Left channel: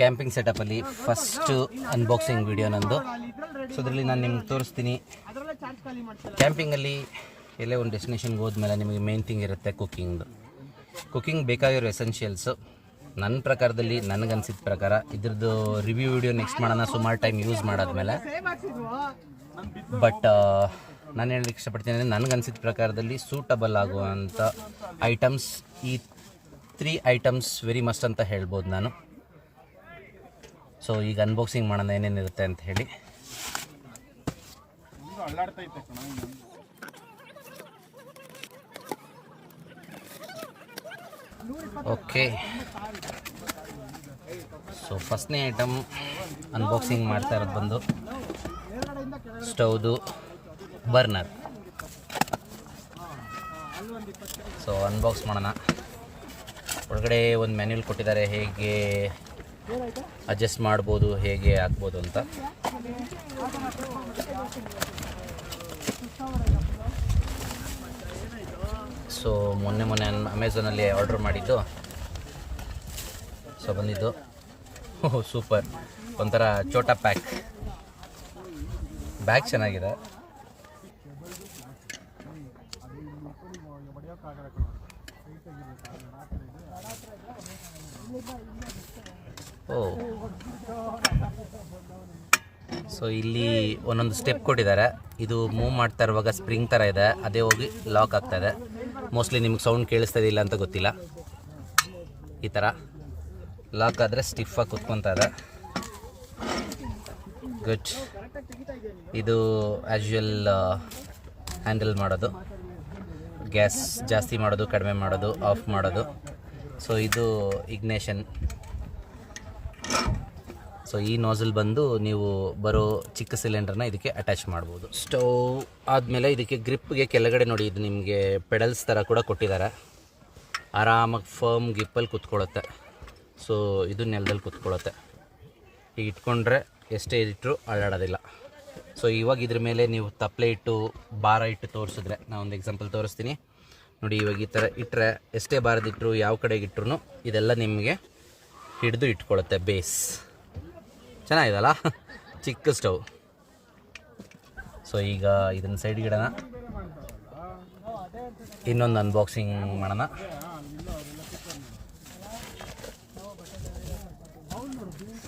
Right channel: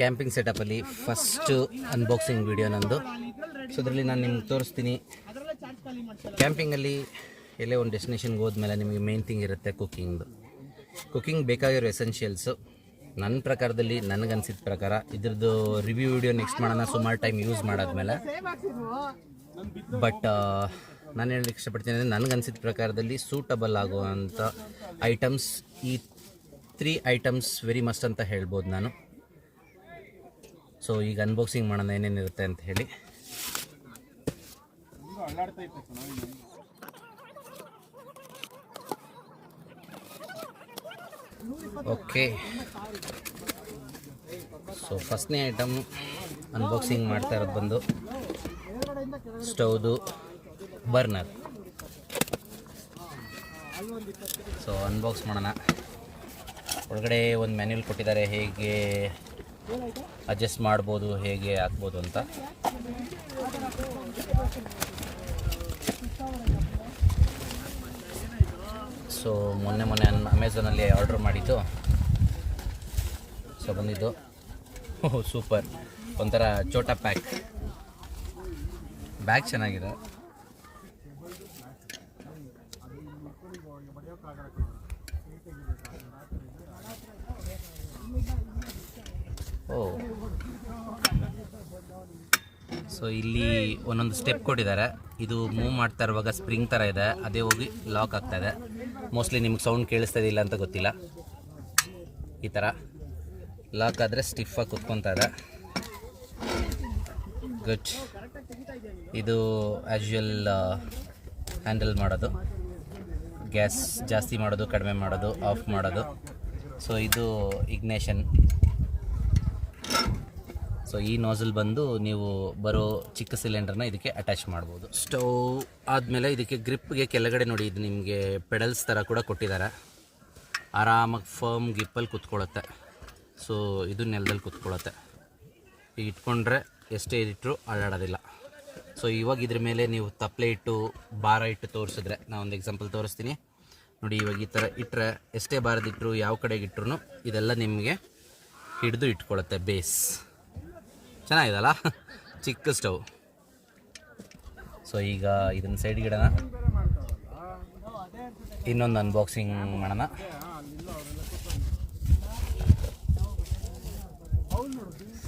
Camping ಸೆಟಪಲ್ಲಿ first unboxing video ನಂದು. So ಅದರಲ್ಲಿ ನಾನು ನಿಮ್ಗೆ ತೋರಿಸ್ತೀನಿ. ಕ್ಯಾಂಪಿಂಗಲ್ಲಿ ಎಲ್ಲೇ ಒಂದು ಡೆಸ್ಟಿನೇಷನ್ಗೆ ಹೋದ್ಮೇಲೆ ನಿಮಗೆ ಮೇನ್ ಥಿಂಗ್ ಇರುತ್ತೆ ಕುಕ್ಕಿಂಗ್ ಬೇಕಾಗಿರೋ ಎಸೆನ್ಷಿಯಲ್ಸು. ನನ್ನ ಪ್ರಕಾರದಲ್ಲಿ ನನಗನ್ಸಿದ ಪ್ರಕಾರ ಇದ್ರದ್ದು ರಿವ್ಯೂ ವಿಡಿಯೋ ನೆಕ್ಸ್ಟ್ ಮಾಡೋಣ ಸುಮಾರು ಟೈಮ್ ಯೂಸ್ ಮಾಡಾದ್ಮೇಲೆ. ಬಟ್ ನಾನು ಹೇಳಲಿಕ್ಕೆ ಇಷ್ಟಪಡ್ತೀನಿ ಅಂದರೆ ನನಗನ್ಸಿದ ಪ್ರಕಾರದಲ್ಲಿ ಸೂಟಬಲ್ ಆಗುವಂಥ ಐಟಮ್ಸ್ ಈ 3 ಐಟಮ್ಸ್ ವೆರಿ ಮಸ್ಟ್ ಅಂತ ಹೇಳ್ಬೋದು ನಾನು. ಸೊ ಈಗ ಅನ್ಬಾಕ್ಸಿಂಗ್ ಮಾಡೋಣ ಏನೇನಿರುತ್ತೆ ಅಂತ ಹೇಳಿ. ಓಕೆ, ಸೊ ಫಸ್ಟ್ನೇ ಐಟಮ್ ಅನ್ಬಾಕ್ಸಿಂಗ್ ಮಾಡ್ತಾ ಇರೋದು ಬಂದು ಸ್ಟವ್ದು ಬರ್ನರ್. ಸೊ ಅನ್ಬಾಕ್ಸ್ ಮಾಡೋಣ. ಒಳಗಡೆ ಒಂದು ಮ್ಯಾನ್ಯುಯಲ್ ಕೊಟ್ಟಿದ್ದಾರೆ, ಹೇಗೆ ಅಡ್ಜಸ್ಟ್ ಮಾಡ್ಬೋದು, ಹೇಗೆ ಹಾಕ್ಬೋದು ಅಂತ. ಸೊ ಮೊನ್ನೆ ಅಮೆಝಾನಲ್ಲಿ ಆರ್ಡ್ರ್ ಮಾಡಿದ್ದು. ಸೊ ಬಂದಿದ್ದು ಸೂಪರ್, ಒಂಥರ ಚೋಟಾ ಬ್ಯಾಗ್ ಚೆನ್ನಾಗಿದೆ. ಸೊ ಇಲ್ಲಿ ಒಂದೊಂದು ಸ್ಟೆಪ್ ಕೊಟ್ಟಿದ್ದಾರೆ. ಇದು ಮೂವ್ ಮಾಡ್ತಾ ಇರುವಾಗ ಸ್ಪ್ರಿಂಗ್ ಥರ ಇದೆ, ಅದೇ ಹೋಗಿ ಲಾಕ್ ಆಗ್ತಾಯಿದೆ. ಮೋಸ್ಟ್ಲಿ ನಿಮ್ಗೆ ಸೌಂಡ್ ಕೇಳಿಸ್ತಾ ಇಲ್ಲ ಅಂತ ಗೊತ್ತಿಲ್ಲ. ಈ ಥರ ಲಾಕ್ ಆದರೆ ಸ್ಟಿಫಾಗಿ ಕುತ್ಕೊತಾ ಇದೆ. ಗುಡ್. ಇದು ಆ್ಯಸ್ ಹ್ಯಾಂಡಲ್ ಮಾಡೋದು, ಗ್ಯಾಸ್ ಜಾಸ್ತಿ ಮಾಡೋದು, ಕಡಿಮೆ ಮಾಡೋದು, ಆಫ್ ಮಾಡೋದು. ಸೊ ಇದು ಇಗ್ನೇಷನ್. ಸೊ ಈ ನೋಸಲ್ ಬಂದು ನೀವು ಬರೋ ಚಿಕ್ಕ ಸಿಲಿಂಡರ್ನ ಇದಕ್ಕೆ ಅಟ್ಯಾಚ್ ಮಾಡ್ಬೋದು. ಸ್ಟವ್ ಆದಮೇಲೆ ಇದಕ್ಕೆ ಗ್ರಿಪ್ಗೆ ಕೆಳಗಡೆ ನೋಡಿ, ಇದು ನಿಮಗೆ ಪೆಡಲ್ಸ್ ಥರ ಕೂಡ ಕೊಟ್ಟಿದ್ದಾರೆ. ಆರಾಮಾಗಿ ಫರ್ಮ್ ಗ್ರಿಪ್ಪಲ್ಲಿ ಕುತ್ಕೊಳ್ಳುತ್ತೆ. ಸೊ ಇದು ನೆಲದಲ್ಲಿ ಕುತ್ಕೊಳ್ಳುತ್ತೆ. ಈಗ ಇಟ್ಕೊಂಡ್ರೆ ಎಷ್ಟೇ ಇಟ್ಟರು ಅಳ್ಳಾಡೋದಿಲ್ಲ. ಸೊ ಇವಾಗ ಇದ್ರ ಮೇಲೆ ನೀವು ತಪ್ಪಲೆ ಇಟ್ಟು ಭಾರ ಇಟ್ಟು ತೋರಿಸಿದ್ರೆ, ನಾನು ಒಂದು ಎಕ್ಸಾಂಪಲ್ ತೋರಿಸ್ತೀನಿ ನೋಡಿ. ಇವಾಗ ಈ ಥರ ಇಟ್ಟರೆ ಎಷ್ಟೇ ಭಾರದಿಟ್ಟರು, ಯಾವ ಕಡೆಗೆ ಇಟ್ಟರು ಇದೆಲ್ಲ ನಿಮಗೆ ಹಿಡಿದು ಇಟ್ಕೊಳ್ಳುತ್ತೆ. ಬೇಸ್ ಚೆನ್ನಾಗಿದಲ್ಲ, ಚಿಕ್ಕ ಸ್ಟವ್. ಸೊ ಈಗ ಇದನ್ನು ಸೈಡ್ಗೆ ಇಡೋಣ, ಇನ್ನೊಂದು ಅನ್ಬಾಕ್ಸಿಂಗ್ ಮಾಡೋಣ.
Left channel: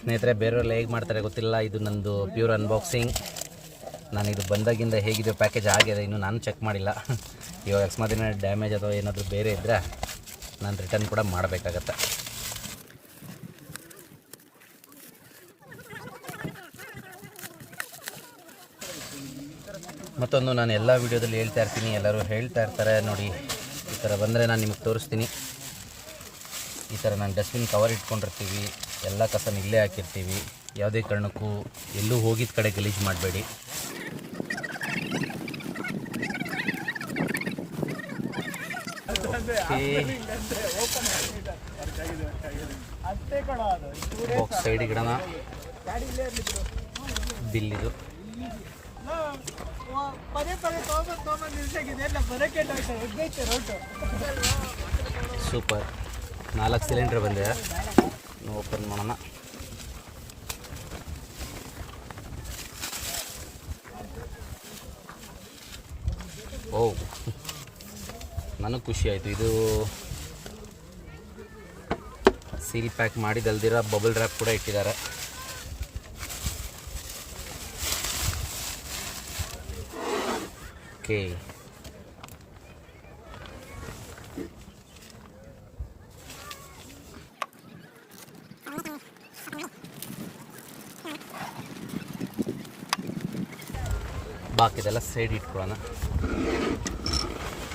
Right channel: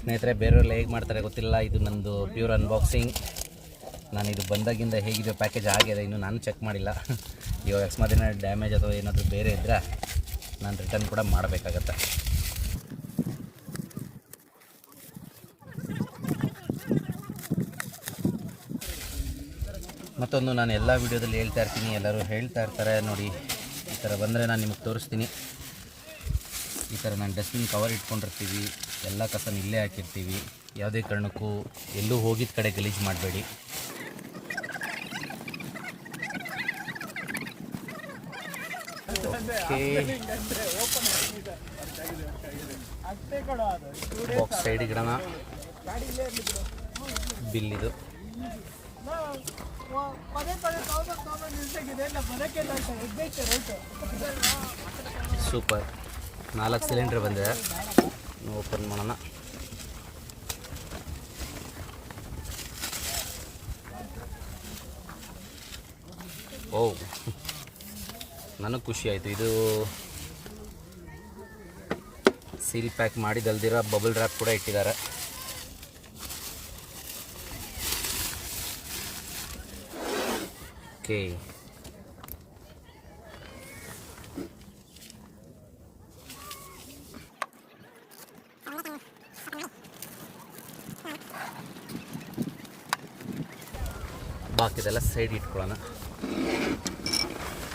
ಸ್ನೇಹಿತರೆ, ಬೇರೆಯವರೆಲ್ಲ ಹೇಗೆ ಮಾಡ್ತಾರೆ ಗೊತ್ತಿಲ್ಲ, ಇದು ನಂದು ಪ್ಯೂರ್ ಅನ್ಬಾಕ್ಸಿಂಗ್. ನಾನು ಇದು ಬಂದಾಗಿಂದ ಹೇಗಿದೆ ಪ್ಯಾಕೇಜ್ ಆಗಿದೆ ಇನ್ನು ನಾನು ಚೆಕ್ ಮಾಡಿಲ್ಲ. ಇವಾಗ ಅಕಸ್ಮಾತ್ ಡ್ಯಾಮೇಜ್ ಅಥವಾ ಏನಾದರೂ ಬೇರೆ ಇದ್ದರೆ ನಾನು ರಿಟರ್ನ್ ಕೂಡ ಮಾಡಬೇಕಾಗತ್ತೆ. ಮತ್ತೊಂದು, ನಾನು ಎಲ್ಲ ವೀಡಿಯೋದಲ್ಲಿ ಹೇಳ್ತಾ ಇರ್ತೀನಿ, ಎಲ್ಲರೂ ಹೇಳ್ತಾ ಇರ್ತಾರೆ ನೋಡಿ, ಈ ಥರ ಬಂದರೆ ನಾನು ನಿಮಗೆ ತೋರಿಸ್ತೀನಿ. ಈ ಥರ ನಾನು ಡಸ್ಟ್ಬಿನ್ ಕವರ್ ಇಟ್ಕೊಂಡಿರ್ತೀವಿ, ಎಲ್ಲ ಕಸನ ಇಲ್ಲೇ ಹಾಕಿರ್ತೀವಿ. ಯಾವುದೇ ಕಾರಣಕ್ಕೂ ಎಲ್ಲೂ ಹೋಗಿದ್ದ ಕಡೆ ಗಲೀಜು ಮಾಡಬೇಡಿ. ಬಾಕ್ಸ್ ಸೈಡಿಗೆ ಇಡೋಣ. ಬಿಲ್ ಇದು. ಸೂಪರ್, 4 ಸಿಲಿಂಡರ್ ಬಂದಿದೆ. ಓಪನ್ ಮಾಡೋಣ. ಓ, ನನಗೆ ಖುಷಿ ಆಯಿತು. ಇದು ಸೀಲ್ ಪ್ಯಾಕ್ ಮಾಡಿದಲ್ದಿರ ಬಬಲ್ ರ್ಯಾಪ್ ಕೂಡ ಇಟ್ಟಿದ್ದಾರೆ. ಓಕೆ, ಬಾಕಿದೆಲ್ಲ ಸೈಡ್ ಇಟ್ಕೊಳ್ಳೋಣ.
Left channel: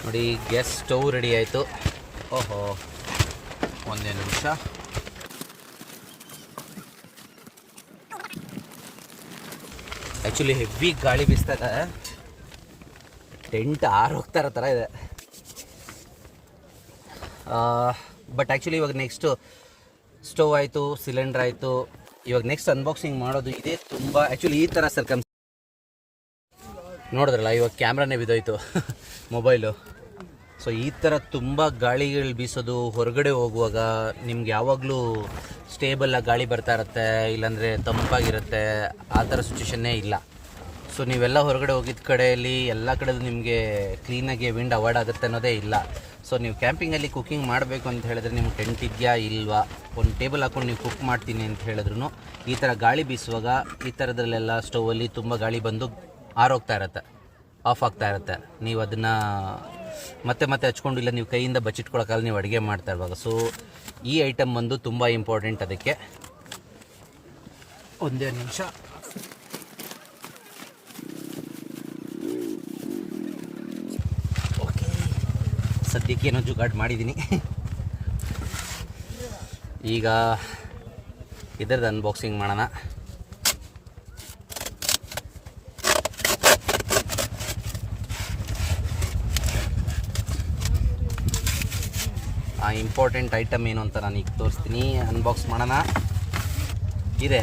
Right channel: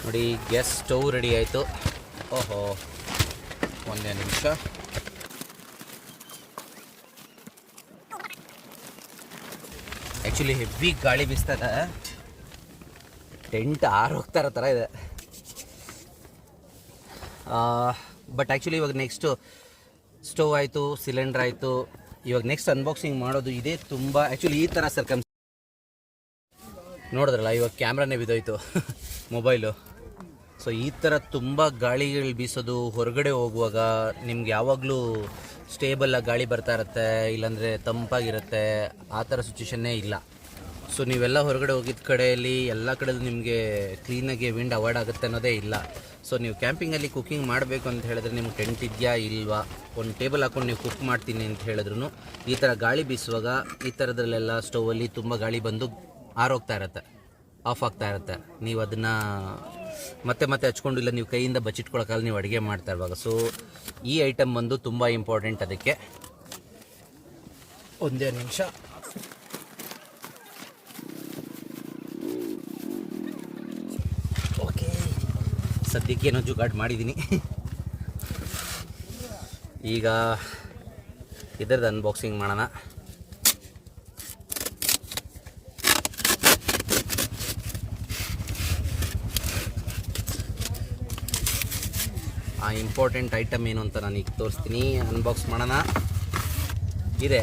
ನೋಡಿ, ಗ್ಯಾಸ್ ಸ್ಟವ್ ರೆಡಿ ಆಯಿತು. ಓಹೋ, ಒಂದೇ ನಿಮಿಷ. ಆ್ಯಕ್ಚುಲಿ ಹೆವಿ ಗಾಳಿ ಬೀಸ್ತಾ ಇದೆ, ಟೆಂಟ್ ಹೋಗ್ತಾ ಇರೋ ಥರ ಇದೆ. ಬಟ್ ಆ್ಯಕ್ಚುಲಿ ಇವಾಗ ನೆಕ್ಸ್ಟು ಸ್ಟವ್ ಆಯಿತು, ಸಿಲಿಂಡರ್ ಆಯಿತು. ಇವಾಗ ನೆಕ್ಸ್ಟ್ ಅನ್ಬಾಕ್ಸಿಂಗ್ ಮಾಡೋದು ಇದೆ. ತುಂಬ ಆ್ಯಕ್ಚುಲಿ ಈ ಥರ ನೋಡಿದ್ರಲ್ಲ, ಇವಾಗ ಕ್ಯಾಮ್ರಾನೇ ಬಿದ್ದೋಯ್ತು ಮೊಬೈಲು. ಸೊ ಈ ಥರ ತುಂಬ ಗಾಳಿಗಳು ಬೀಸೋದು, ಹೊರಗಡೆ ಹೋಗುವಾಗ ನಿಮ್ಗೆ ಯಾವಾಗಲೂ ಸ್ಟೇಬಲಾಗಿ ಗಾಳಿ ಬರ್ತಾ ಇರುತ್ತೆ, ಇಲ್ಲಾಂದರೆ ತಂಪಾಗಿರುತ್ತೆ, ಆ ಥರ ಸಿಚುವೇಷನ್ನೇ ಇಲ್ಲ. ಸೊ ನೀವೆಲ್ಲ ಹೊರಗಡೆ ಹೋಗಿದ್ದ ಕಡೆಯಲ್ಲಿ ಎಲ್ಲ ಕಡೆಯಲ್ಲೂ ನಿಮಗೆ ಕ್ಲೀನಾಗಿ ವಿಂಡ್ ಅವಾಯ್ಡ್ ಆಗುತ್ತೆ ಅನ್ನೋದೇ ಇಲ್ಲ. ಸೊ ನೀವು ಕ್ಯಾಂಪಿಂಗಲ್ಲಿ ಕುಕ್ಕಿಂಗ್ ಮಾಡಬೇಕು ಅಂತ ಹೇಳಿದ್ರೆ ನಿಮ್ಗೆ ಟೆಂಟ್ ಇದೆಯಾ ಇಲ್ವಾ, ಒಂದು ಟೇಬಲ್ ಹಾಕ್ಕೊಂಡು ನೀವು ಕುಕ್ ಮಾಡ್ತೀನಿ ಅಂತ ಹೇಳಿದ್ರು ಈ ಥರ ಗಾಳಿ ಬೀಸುವಾಗ ಈ ಥರದ್ರಲ್ಲೆಲ್ಲ ಸ್ಟೌವಲ್ಲಿ ತುಂಬ ಗಾಳಿ ಬಂದು ಆರೋಗ್ತಾ ಇರುತ್ತೆ, ಆಫ್ ಆಗ್ತಾ ಇರುತ್ತೆ. ನೀವು ಅದನ್ನು ಮತ್ತೆ ಮತ್ತೆ ಹಚ್ಕೊಂಡಿಲ್ಲ, ನೀವು ಕೈಯಿಂದ ಬಚ್ಚಿಟ್ಕೊಳಕ್ಕಾಗಲ್ಲ ನೀವು ಅಡುಗೆ ಮಾಡ್ತಾ ಇರುವಾಗ. ಸೊ ಈ ಐಟಮ್ ಬಂದು ತುಂಬ ಇಂಪಾರ್ಟೆಂಟ್. ಅದಕ್ಕೆ ಒಂದೇ ನಿಮಿಷ. ಓಕೆ, ಸದ್ಯಕ್ಕೆ ಏನೋ ಜುಗಾಡ್ ಮಾಡಿದ್ದೀನಿ. ಈಗ ಇದರದ್ದು ಅನ್ಬಾಕ್ಸಿಂಗ್ ಮಾಡೋಣ. ಆ ಇಂಪಾರ್ಟೆಂಟ್ ಐಟಮ್ ಏನು ಅಂತ ನಾನು ಈಗ ತೋರಿಸ್ತೀನಿ. ಅನ್ಬಾಕ್ಸ್ ಮಾಡೋಣ. ಇದೆ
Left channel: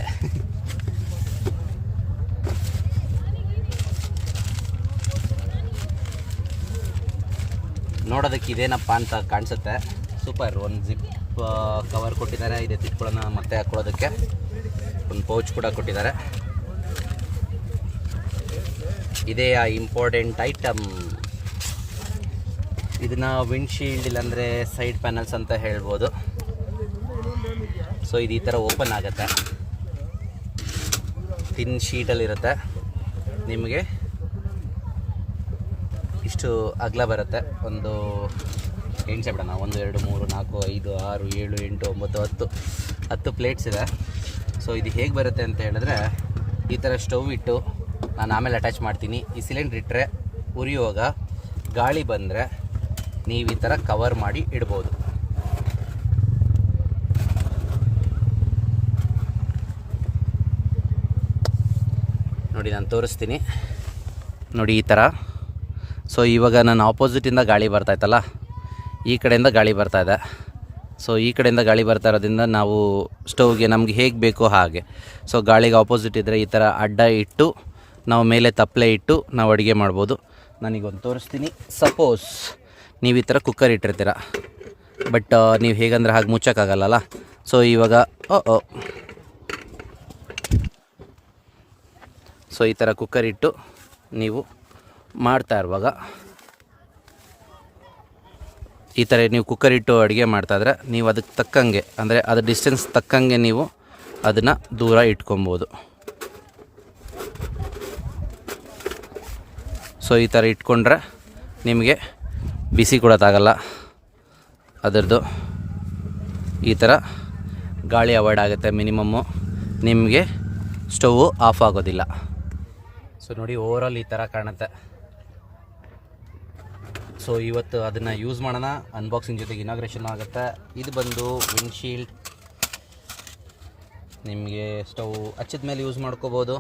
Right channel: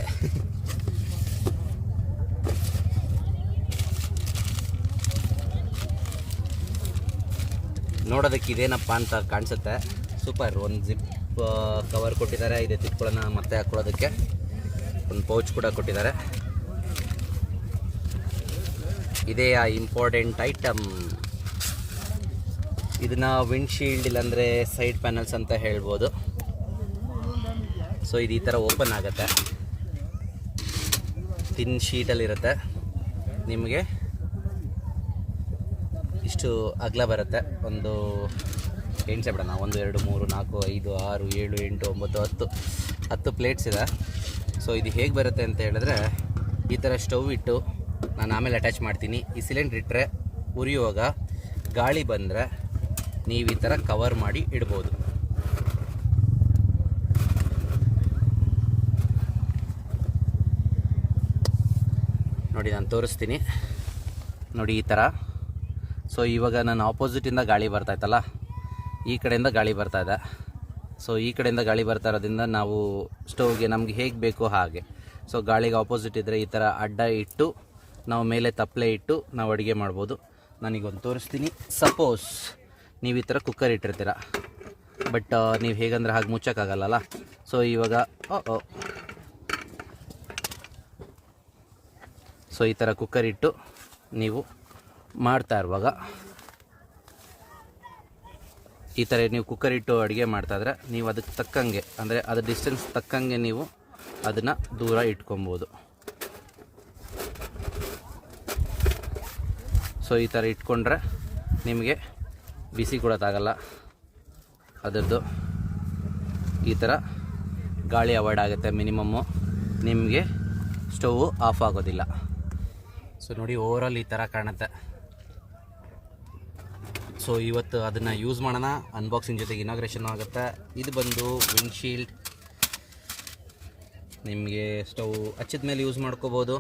ನೋಡೋದಕ್ಕೆ ಇದೇನಪ್ಪ ಅಂತ ಕಾಣಿಸುತ್ತೆ. ಸೂಪರ್. ಒಂದು ಜಿಪ್ ಕವರ್ ಕೊಟ್ಟಿದ್ದಾರೆ, ಇದೆ ತಿಟ್ಕೊಳ್ಳೋಣ ಮತ್ತೆ ಹಾಕ್ಕೊಳ್ಳೋದಕ್ಕೆ. ಒಂದು ಪೌಚ್ ಕೂಡ ಕೊಟ್ಟಿದ್ದಾರೆ. ಇದೇ ಆ ಇಂಪಾರ್ಟೆಂಟ್ ಐಟಮ್. ಇದನ್ನ ವಿಂಡ್ಶೀಲ್ಡ್ ಇಲ್ಲಾಂದರೆ ಸೈಡ್ ಪ್ಯಾನಲ್ಸ್ ಅಂತ ಹೇಳ್ಬೋದು. ಸೊ ಇದು ಈ ಥರ ಓಪನ್ ಆಗುತ್ತೆ, ತಿನ್ ಶೀಟಲ್ಲಿರುತ್ತೆ. ನಿಮಗೆ ಇಷ್ಟು ಅಗಲ ಬರುತ್ತೆ. ಒಂದು ಎಣ್ಸೆ ಬಿಡೋಣ. 1 2 3 4 5 6 7 8 9 10 ಪ್ಲೇಟ್ಸ್ ಇದೆ. ಸೊ ಇದು ಹೇಗೆ ಬರುತ್ತೆ ಅಂತ ಹೇಳಿದ್ರೆ, ಈ ಥರ ಸ್ಟವ್ ಇಟ್ಟು ನಾನು ಆಮೇಲೆ ಅಟ್ಯಾಚ್ ಮಾಡ್ತೀನಿ. ಈ ಸಿಲಿಂಡ್ರ್ ಇಟ್ಟರೆ ಉರಿಯುವಾಗ ಗಾಳಿ ಬಂದರೆ ನೀವು ಈ ಥರ ಕವರ್ ಮಾಡಿ ಇಡ್ಬೋದು. ನೋಡಿ ನಾನು ತೋರಿಸ್ತೀನಿ. ನೋಡಿ ಈ ಥರ. ಸೊ ಇವಾಗ ನಾನು ಆಪೋಸಿಟಿಂದ ಗಾಳಿ ಬರ್ತಾಯಿತ್ತಲ್ಲ, ಈ ಕಡೆಯಿಂದ ಗಾಳಿ ಬರ್ತಾಯಿದೆ. ಸೊ ಈ ಕಡೆಯಿಂದ ಗಾಳಿ ಬರ್ತಾ ಇರೋದ್ರಿಂದ ನಾವು ಸ್ಟವ್ಗೆ ನಮಗೆ ಹೇಗೆ ಬೇಕೋ ಹಾಗೆ. ಸೊ ಗಾಳಿಗೆ ಆಪೋಸಿಟ್ ಇದ್ದರೆ ಈ ಥರ ಅಡ್ಡ ಇಟ್ಟು ನಾವು ಮೇಲೆ ತಪ್ಪಲೆ ಇಟ್ಟು ನಾವು ಅಡುಗೆ ಮಾಡ್ಬೋದು. ನಾನೀಗೊಂದು ತೋರಿಸ್ತೀನಿ. ಸಪೋಸ್ ನೀವು ಈ ಥರ ಕುಕ್ಕರ್ ಇಟ್ಟಿರ್ತೀರ, ಬಟ್ ನೀವು ಹೇಗಂದ್ರೆ ಹಾಗೆ ಮುಚ್ಚೋಕ್ಕಾಗಲ್ಲ. ಸೊ ಇವಾಗ ಸೊ ಈ ಥರ ಕುಕ್ಕರ್ ಇಟ್ಟು ನೀವು ಮಾಡ್ತಾ ಇರುವಾಗ, ಈ ಥರ ನೀವು ಕುಕ್ಕರ್ ಇಟ್ಟು ಅಡುಗೆ ಮಾಡ್ತಾಯಿದ್ರೆ ನೀವು ಅದಕ್ಕೆ ತಕ್ಕಂಗೆ, ಅಂದರೆ ಅದು ಡಿಸ್ಟೆನ್ಸ್ ತಕ್ಕಂಗೆ ನೀವು ಅದನ್ನು ದೂರ ಇಟ್ಕೊಬೋದು. ಸೊ ಈ ಥರ ಇಟ್ಕೊಂಡ್ರೆ ನಿಮಗೆ ಬಿಸಿ ಕೊಡೋಕ್ಕಾಗಲ್ಲ. ಅದರದ್ದು ಈ ಥರ ಗಾಳಿ ಅವಾಯ್ಡ್ ಆಗುತ್ತೆ. ಮಿನಿಮಮ್ಮು ನಿಮಗೆ ಸ್ಟವ್ವು ಆಫ್ ಆಗೋದಿಲ್ಲ. ಸೊ ನೋಡಿ, ಓವರಾಲ್ ಈ ಥರ ಕಾಣುತ್ತೆ. ಸೊ ಇವತ್ತು ಅದನ್ನು ಯೂಸ್ ಮಾಡೋಣ. ಅನ್ಬಾಕ್ಸಿಂಗ್ ಜೊತೆಗೆ ಇನಾಗ್ರೇಷನ್ ಆಗುತ್ತೆ. ಇದು ಬಂದು ವಿಂಡ್ಶೀಲ್ಡ್. ನಿಮಗೆ ಸ್ಟವ್ ಹಚ್ಚಿದ ಮೇಲೆ ಯೂಸ್ ಮಾಡ್ಕೋಬೋದು.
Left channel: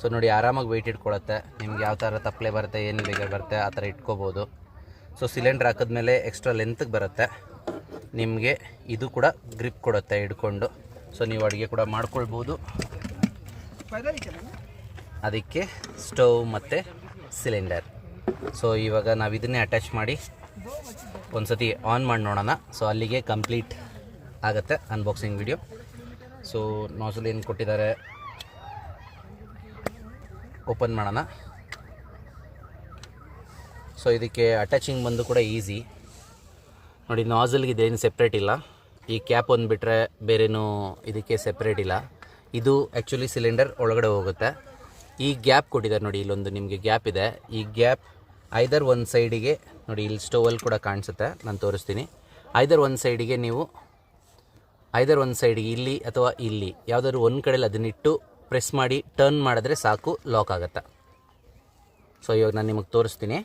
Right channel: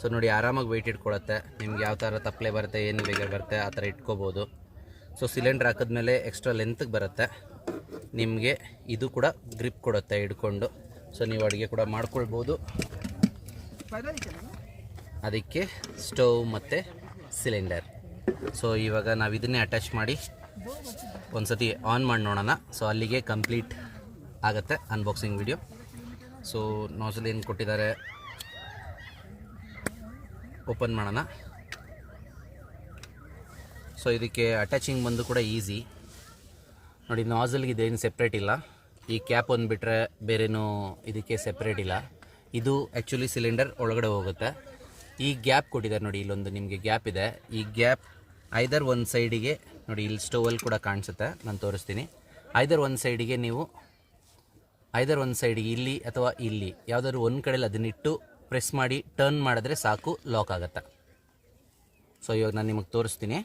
ಸೊ ನೋಡಿ, ಆರಾಮಾಗಿ ವೆಯ್ಟ್ ಇಟ್ಕೊಳುತ್ತೆ. ನಿಮ್ಗೆ ಯಾವ ಥರ ತಪ್ಪಲೆ ಬರುತ್ತೆ, ಏನು ಬೇಕಾದ್ರೆ ಬರುತ್ತೆ ಆ ಥರ ಇಟ್ಕೋಬೋದು. ಸೊ ಸಿಲಿಂಡ್ರ್ ಹಾಕಿದ್ಮೇಲೆ ಎಕ್ಸ್ಟ್ರಾ ಲೆಂತ್ಗೆ ಬರುತ್ತೆ. ನಿಮಗೆ ಇದು ಕೂಡ ಗ್ರಿಪ್ ಕೊಡುತ್ತೆ ಹಿಡ್ಕೊಂಡು. ಸೊ ನೀವು ಅಡುಗೆ ಕೂಡ ಮಾಡ್ಕೊಳ್ಬೋದು. ಅದಕ್ಕೆ ಸ್ಟವ್ ಮತ್ತು ಸಿಲಿಂಡರ್. ಸೊ ಇವಾಗ ನಾವು ಇದನ್ನೇ ಅಟ್ಯಾಚ್ ಮಾಡಿ ಒಂದು ಸತಿ ಆನ್ ಮಾಡಿ ನೋಡೋಣ. ಸೊ ಅಲ್ಲಿಗೆ ಕಂಪ್ಲೀಟ್ ಆಗುತ್ತೆ ಅನ್ಬಾಕ್ಸಿಂಗ್ ವಿಡಿಯೋ. ಸೊ ನಾಸಲ್ ಏನು ಕೊಟ್ಟಿದ್ದಾರೆ, ಓಪನ್ ಮಾಡೋಣ. ಸೊ ಇದಕ್ಕೆ ಅಟ್ಯಾಚಿಂಗ್ ಬಂದು ಕೂಡ ಈಸಿ. ನೋಡಿ, ನಾಸಲ್ಗೆ ಇದೇನು ಸೆಪ್ರೇಟ್ ಇಲ್ಲ. ಈ ಕ್ಯಾಪ್ ಒಂದು ಬಿಟ್ಟರೆ ಬೇರೇನೂ ಇದಕ್ಕೆ ಸೆಪ್ರೇಟ್ ಇಲ್ಲ. ಇದು ಆ್ಯಕ್ಚುಲಿ ಸಿಲಿಂಡರ್ ಒಳಗಡೆ ಹೋಗುತ್ತೆ. ಈ ಗ್ಯಾಪ್ ಕೊಟ್ಟಿದ್ದಾರೆ ನೋಡಿ, ಇಲ್ಲೊಂದು ನಿಮಗೆ ಗ್ಯಾಪ್ ಇದೆ. ಈ ಗ್ಯಾಪ್ ಐದರ್ ಒಂದು ಸೈಡಿಗೆ ನೋಡಿ, ಇಲ್ಲಿ ಸ್ಟೋವಲ್ಲಿ ಕೂಡ ಕಾಣಿಸುತ್ತೆ, ನಾನು ತೋರಿಸ್ತೀನಿ. ಐದರ್ ಒಂದು ಸೈಡಿಗೆ ನೀವು ಇಲ್ಲಿ ಅಥವಾ ಇಲ್ಲಿ ಯಾವುದಾದ್ರು ಒಂದು ಕಡೆಯಲ್ಲಿ ಅದನ್ನಿಟ್ಟು ಪ್ರೆಸ್ ಮಾಡಿ ಟರ್ನ್ ಮಾಡಿದ್ರೆ ಸಾಕು, ಲಾಕ್ ಆಗುತ್ತೆ. ಸೊ ಇವಾಗ ನಾನು ನಿಮಗೆ ತೋರಿಸ್ತೀನಿ.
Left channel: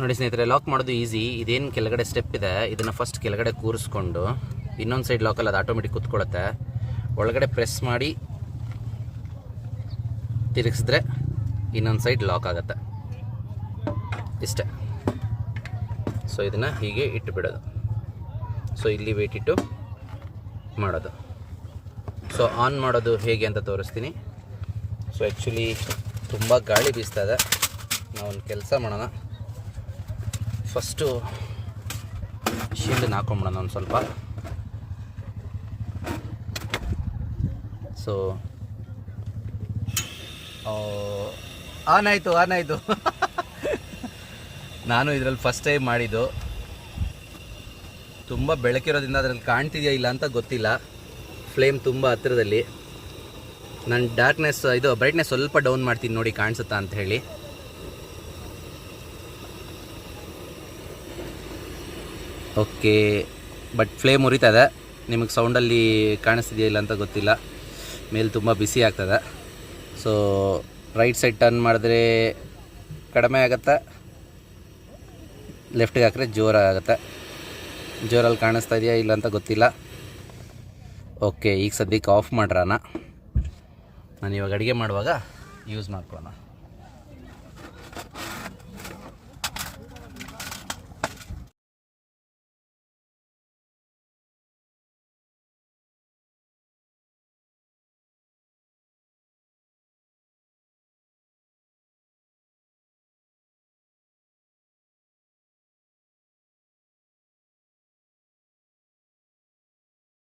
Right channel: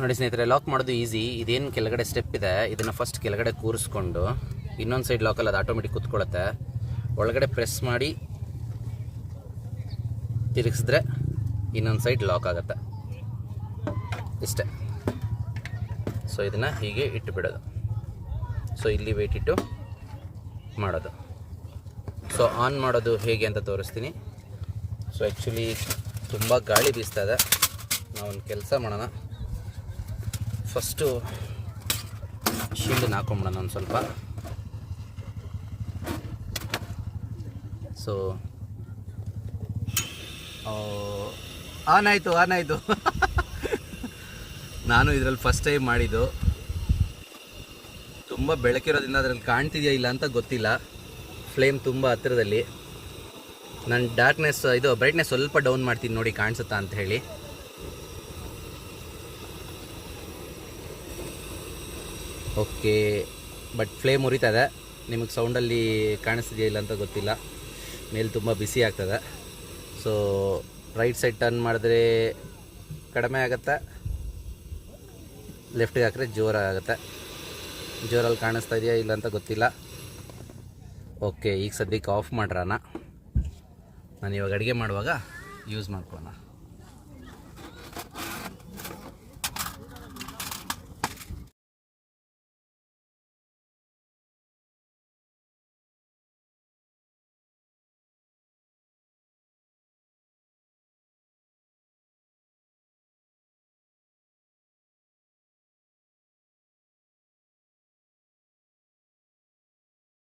ನೋಡಿ ಸ್ನೇಹಿತರೆ, ಲಾಕ್ ಮಾಡೋದು ಈಸಿ. ಇದೇನು ಕೆಳಗಡೆ ಸ್ಟೆಪ್ ಇದೆ, ಇದನ್ನು ಫಸ್ಟ್ ಕೆಳಗಡೆ ಕೂರಿಸ್ಕೊಂಡು ಇನ್ನೊಂದು ಸೈಡ್ ಲಾಕಲ್ಲಿ ಅದು ಆಟೋಮೆಟಿಕ್ ಕೂತ್ಕೊಳ್ಳುತ್ತೆ. ಒಳಗಡೆ ಪ್ರೆಸ್ ಮಾಡಿ ತಿರುಗಿಸಿದ್ರೆ ಇನ್ನೊಂದು ಸೈಡ್ ಲಾಕ್ ಆಗುತ್ತೆ. ಇಷ್ಟೇ. ಸೊ ಇದನ್ನು ಹೀಗೆ ಇಟ್ಟು ಬಿಡೋದು. ಸೊ ಇಲ್ಲಿ ವೇಟ್ ಇಟ್ಟು ಮಾಡೋದು. ಸೊ ಆನ್ ಮಾಡೋದು ಹೇಗೆ ಅಂತ ತೋರಿಸ್ತೀನಿ. ಸೊ ಆ್ಯಕ್ಚುಲಿ ತುಂಬ ಗಾಳಿ ಬೀಸ್ತಾ ಇದೆ. ನಾವೊಂದು ಕೆಲಸ ಮಾಡೋಣ, ಫಸ್ಟು ಶೀಲ್ಡನ್ನು ಹಾಕೊಂಬಿಡೋಣ ಒಂದು ಸ್ವಲ್ಪ. ಸೊ ಆನ್ ಆಯಿತು ನಾನು ಇದರಲ್ಲಿ ಫಸ್ಟ್ ಟೈಮ್ ಮಾಡಿದ್ದು. ತುಂಬ ಬೆಳಕಿರೋದ್ರಿಂದ ಅದರಲ್ಲಿ ಕಾಣ್ತಿದೆಯಾ ಇಲ್ಲ ಅಂತ ಗೊತ್ತಿಲ್ಲ. ಫ್ಲೇಮ್ ತುಂಬ ಹತ್ತಿರದಲ್ಲಿ. ನಾನು ಬ್ರೈಟ್ನೆಸ್ ಸ್ವಲ್ಪ ಡೌನ್ ಮಾಡ್ತೀನಿ ನೋಡಿ ಕಾಣಿಸುತ್ತಾ ಅಂತ ಹೇಳಿ. ಓಕೆ, ಬಟ್ ಫ್ಲೇಮ್ ಉರಿತಾ ಇದೆ. ನಿಮಗೆ ಸೌಂಡಲ್ಲಿ ಕಾಣಿಸ್ತಿದೆಯಾ ಇಲ್ಲ ಅಂತ ಗೊತ್ತಿಲ್ಲ. ಮೇಲೆ ತುಂಬ ಬಿಸಿ ಆಗ್ತದೆ. ಸೊ ರೈಟ್ ಸೈಡ್ ಟರ್ನ್ ಮಾಡಿದ್ರೆ ಕಡಿಮೆ ಆಗುತ್ತೆ, ಲೆಫ್ಟಿಗೆ ಹಾಕಿದ್ರೆ ಜೋರಾಗುತ್ತೆ. ಜೋರಲ್ಲಿ ಕಾಣಿಸ್ತಾ ಇದೆಯಾ ಇಲ್ಲ ಅಂತ ಗೊತ್ತಿಲ್ಲ. ಓಕೆ, ಈಗ ಸದ್ಯಕ್ಕೆ ಆಫ್ ಮಾಡ್ರಾನ. ನಾನು ಇವಾಗ ಅಡುಗೆ ಮಾಡುವಾಗ ಯೂಸ್ ಮಾಡ್ಕೊಳ್ಳೋಣ.